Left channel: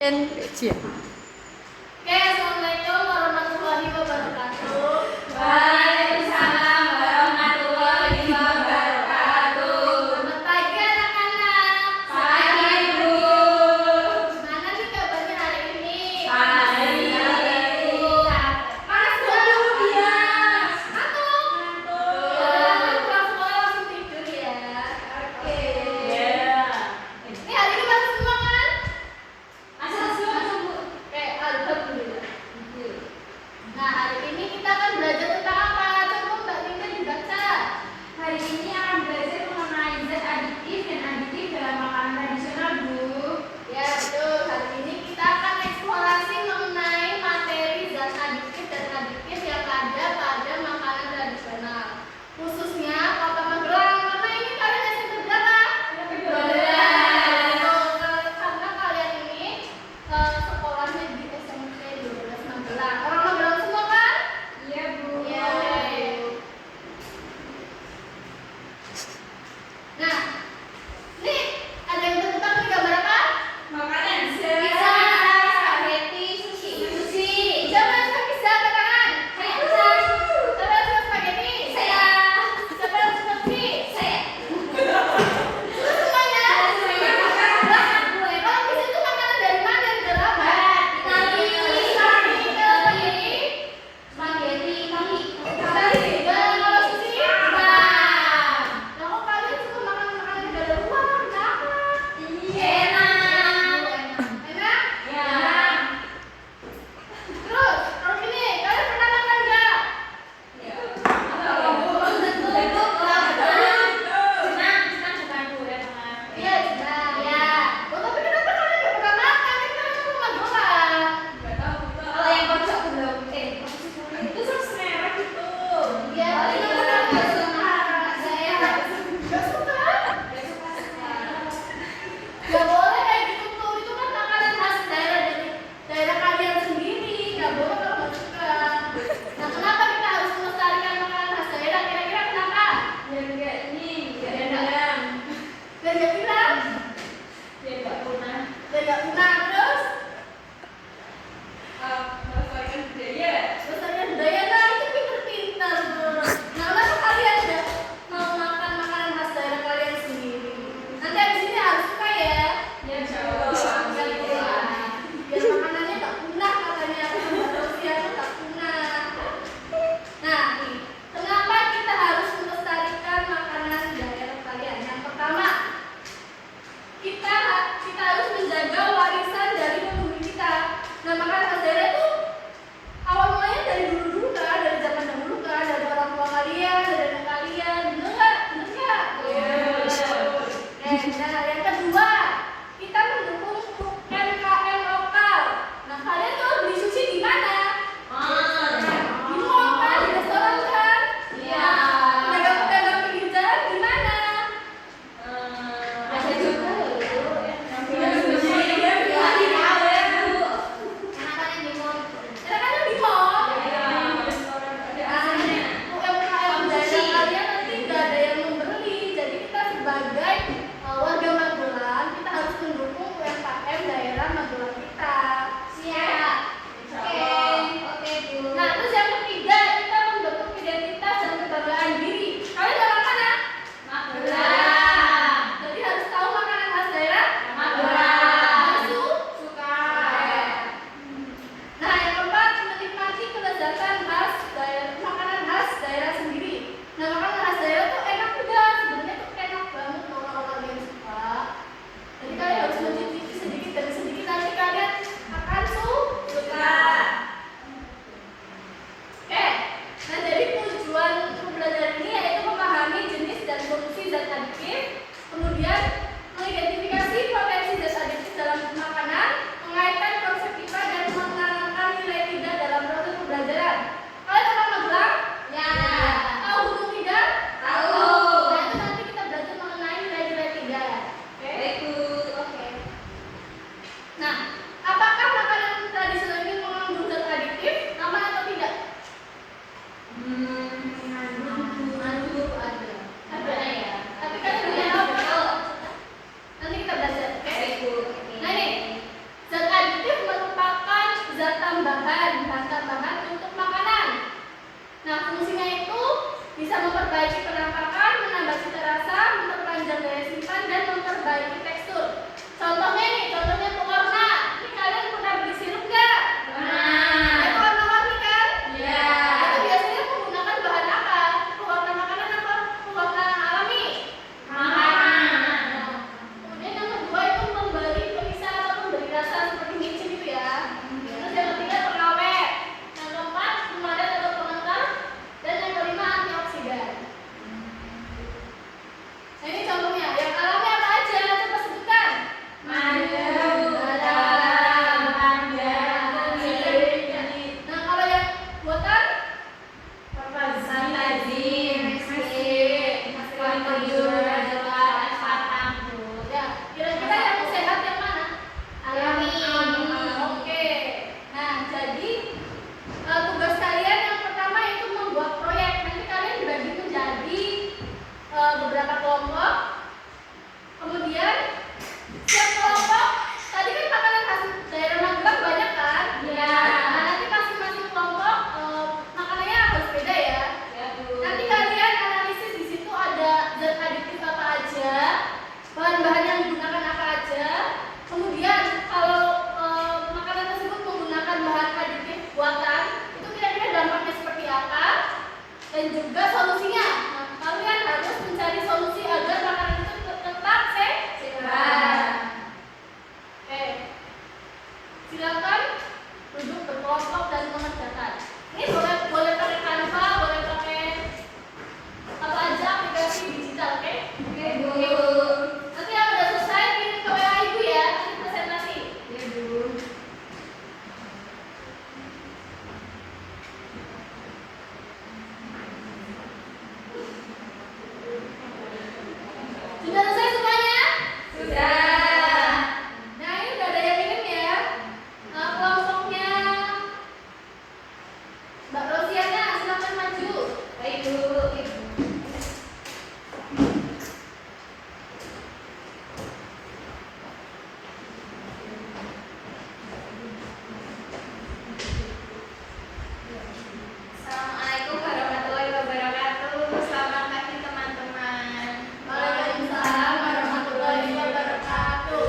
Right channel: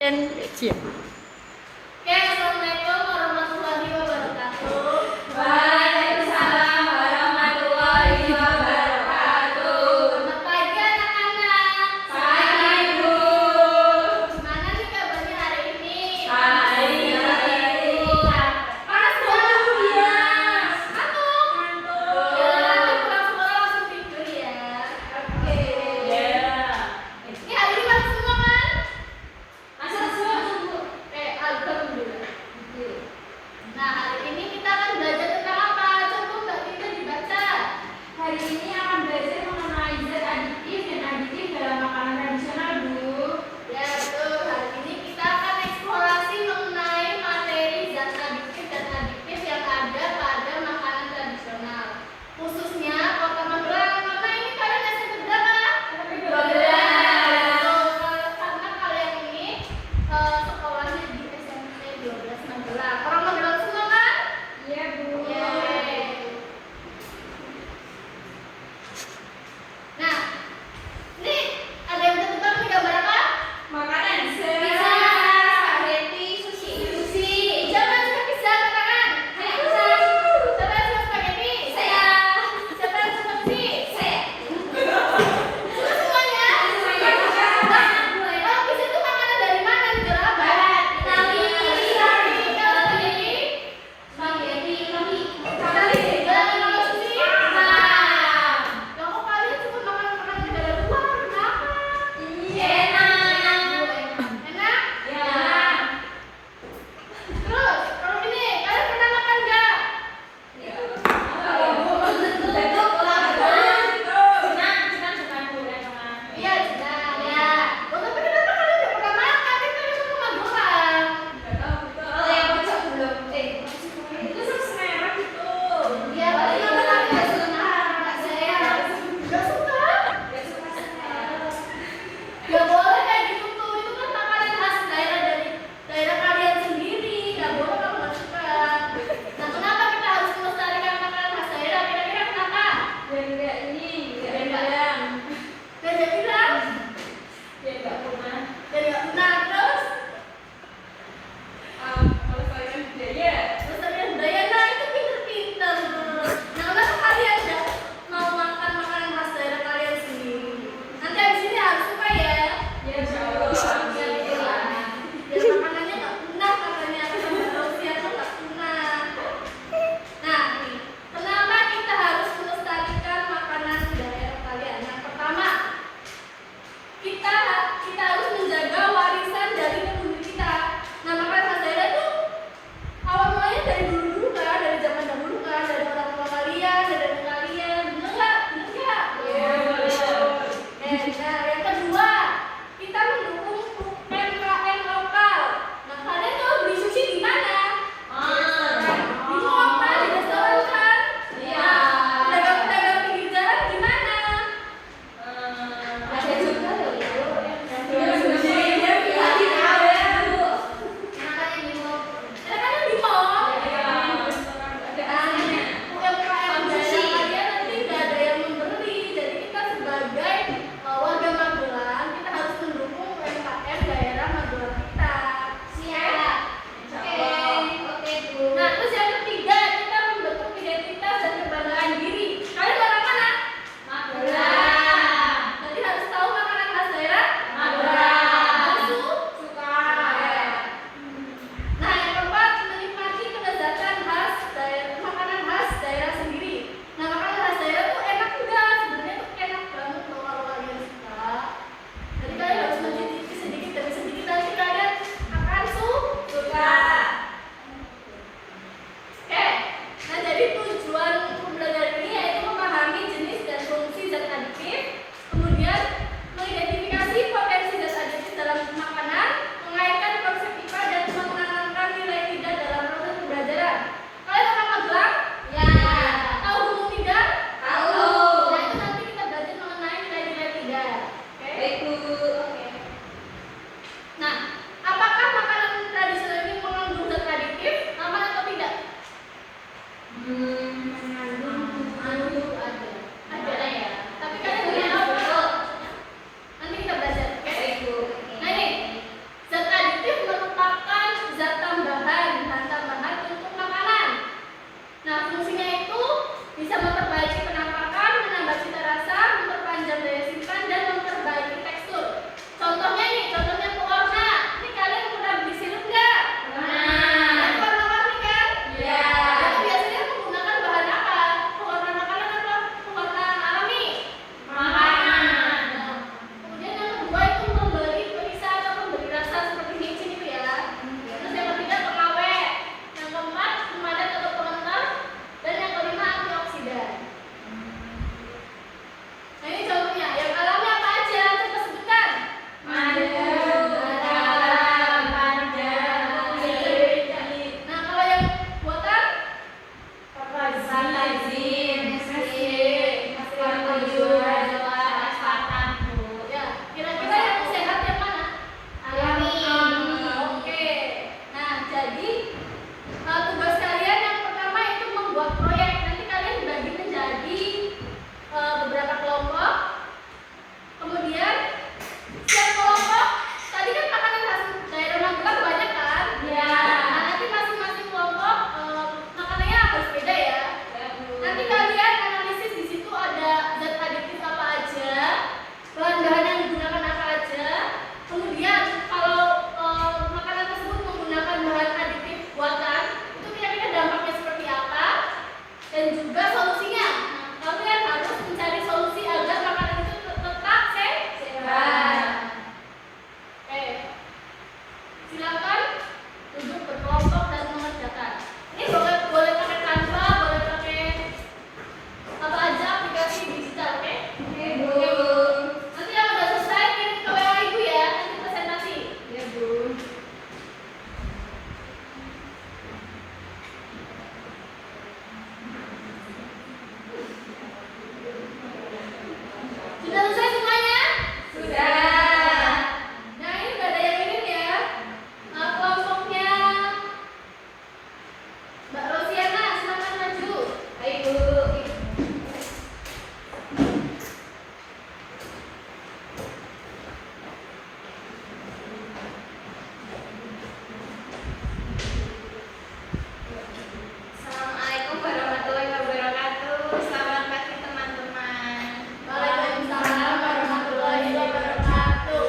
Dan Cia. Oke, assalamualaikum warahmatullahi wabarakatuh. Waalaikumsalam warahmatullahi wabarakatuh. Selamat pagi anak-anak. Pagi Bu. Gimana nih kabarnya hari ini? Baik. Panas banget ya. Ngantuk. Ya, nanti pulang sekolah langsung tidur ya. Oke. Ini hari ini masih semua kan? Masuk Bu. Oke, alhamdulillah. Nah, hari ini kita akan belajar tentang apa? Coba Mbak Tika dibaca. Hari ini akan belajar mengenai zat aditif dan aditif dalam makanan tradisional Bu. Ya betul, hari ini kita akan eksplorasi mengenai materi zat aditif dan aditif yang ada pada makanan tradisional, khususnya Kota Magelang. Karena ini kalian SMP berapa? SMP 12. Betul, karena kalian ini sekolahnya di SMP 12 Magelang. Orang Magelang semua kan? Iya Bu. Yeay. Nah, ini ada yang bisa tebak nih gambar apa? Makanan Pizza, spaghetti, sushi. Siapa yang suka pizza? Angkat tangan. Pizza. Siapa yang suka spaghetti? Saya. Siapa yang suka sushi? Saya. Suka semuanya? Semuanya. Oh, pizza itu makanan dari mana? Negara apa? Silakan duduk berkelompok dan mengerjakan. Ini boleh pakai Canva, boleh pakai apa aja aplikasi digital, oke? Oke, Bu. Nanti yang udah selesai kirim ke WA Ibu ya, nanti presentasi. Ya, Bu. Sudah selesai semuanya? Sudah. Nah, ini udah ada yang kirim ya. Nah, kelompoknya Mbak Rosiana, silakan maju. Baik, Bu. Assalamualaikum warahmatullahi wabarakatuh. Selamat pagi teman-teman. Waalaikumsalam warahmatullahi wabarakatuh.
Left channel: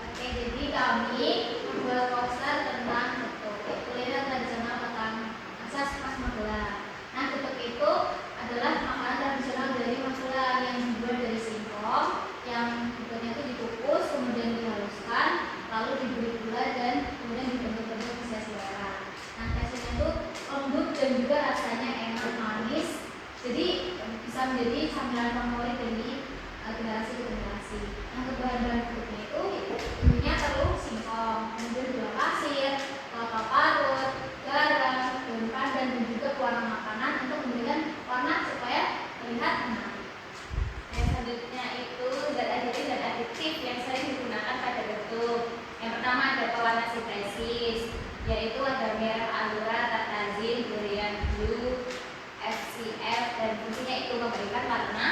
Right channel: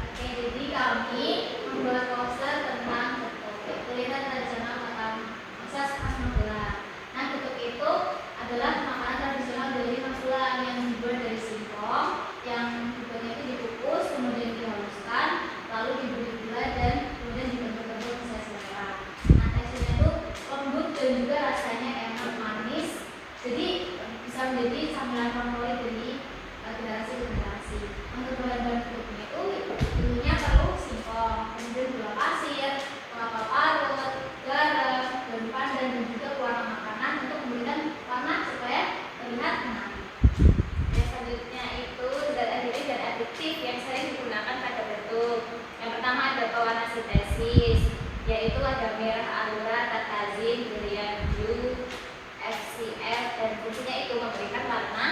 Oke, jadi kami membuat poster tentang getuk. Itu lihat rencana tentang asas khas Magelang. Nah, getuk itu adalah makanan tradisional dari Magelang yang dibuat dari singkong, yang bentuknya itu dikukus, kemudian dihaluskan, lalu diberi gula dan kemudian dibentuk-bentuk sesuai selera. Nah, teksturnya itu lembut dan juga rasanya enak manis. Jadi bisa menjadi camilan favorit dari generasi ke generasi. Untuk bahan-bahan geduknya itu dulunya perlu singkong, kemudian gula pasir, kelapa parut, garam, daun pandan dan juga pewarna makanan untuk memberikan warna supaya terlihat menarik. Yang selanjutnya itu zat aditif dan aditif yang sering digunakan pada getuk. Yang pertama ada pewarna sintesis, yaitu agar merah alura, tatazin, durian blue, FCF, dan fungsinya itu memberikan warna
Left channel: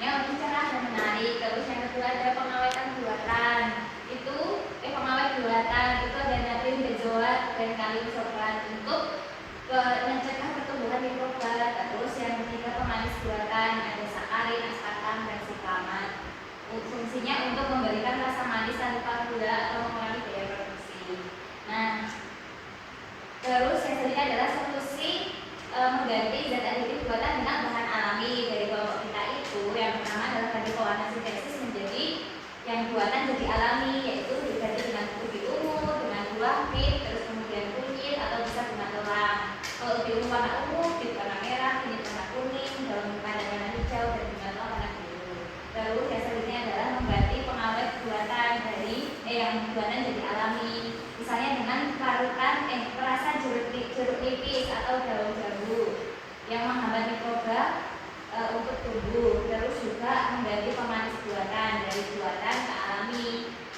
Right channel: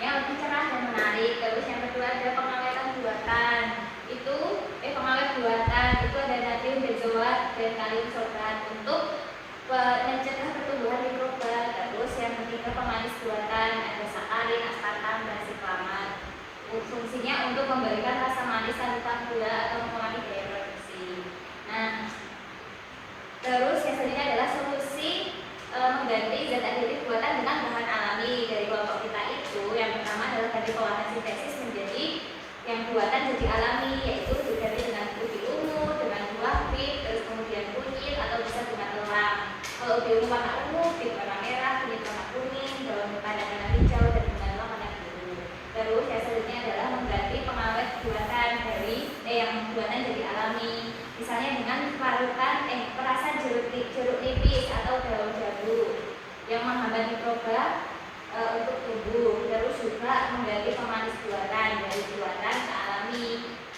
yang lebih cerah dan menarik. Terus yang kedua ada pengawetan buatan. Pengawet buatan itu ada natrium benzoat dan kalium sorban untuk mencegah pertumbuhan mikroba. Terus yang ketiga pemanis buatan, ada sakarin, aspartam, dan siklamat. Fungsinya untuk memberikan rasa manis tanpa gula atau mengurangi daya produksi. Nah, terus yang selanjutnya adalah solusi mengganti zat aditif buatan dengan bahan alami dari kelompok kita itu. Yang pertama adalah ganti pewarna sintesis menjadi yang buatan jadi alami, yaitu diganti dengan ubi ungu, dengan gula pit, terus kemudian kunyit atau bisa dengan tulang. Kalau ubi ungu warna ungu, pit warna merah, kunyit warna kuning, daun pandan warna hijau, dan dengan tulang warna biru. Terus yang selanjutnya adalah mengganti pengawet buatan dari yang buatan jadi alami, misalnya dengan perasan jeruk nipis atau daun jambu yang menghambat mikroba untuk tumbuh. Terus juga mengganti pemanis buatan dari buatan ke alami,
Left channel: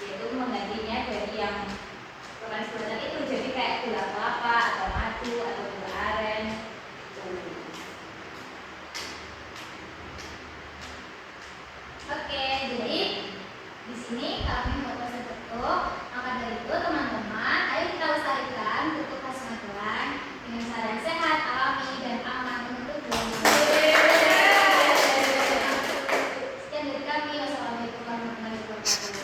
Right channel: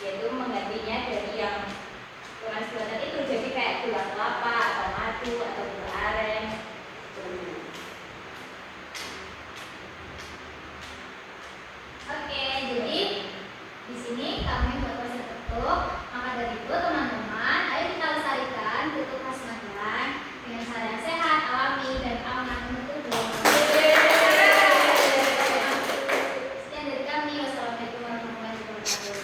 yaitu menggantinya dari yang pemanis buatan itu jadi kayak gula kelapa atau madu atau gula aren. Oke, jadi di sini kami membuat poster getuk. Maka dari itu teman-teman, ayo kita lestarikan getuk khas Magelang dengan cara yang sehat, alami, dan aman untuk Sekian dari kami. Wassalamualaikum warahmatullahi wabarakatuh.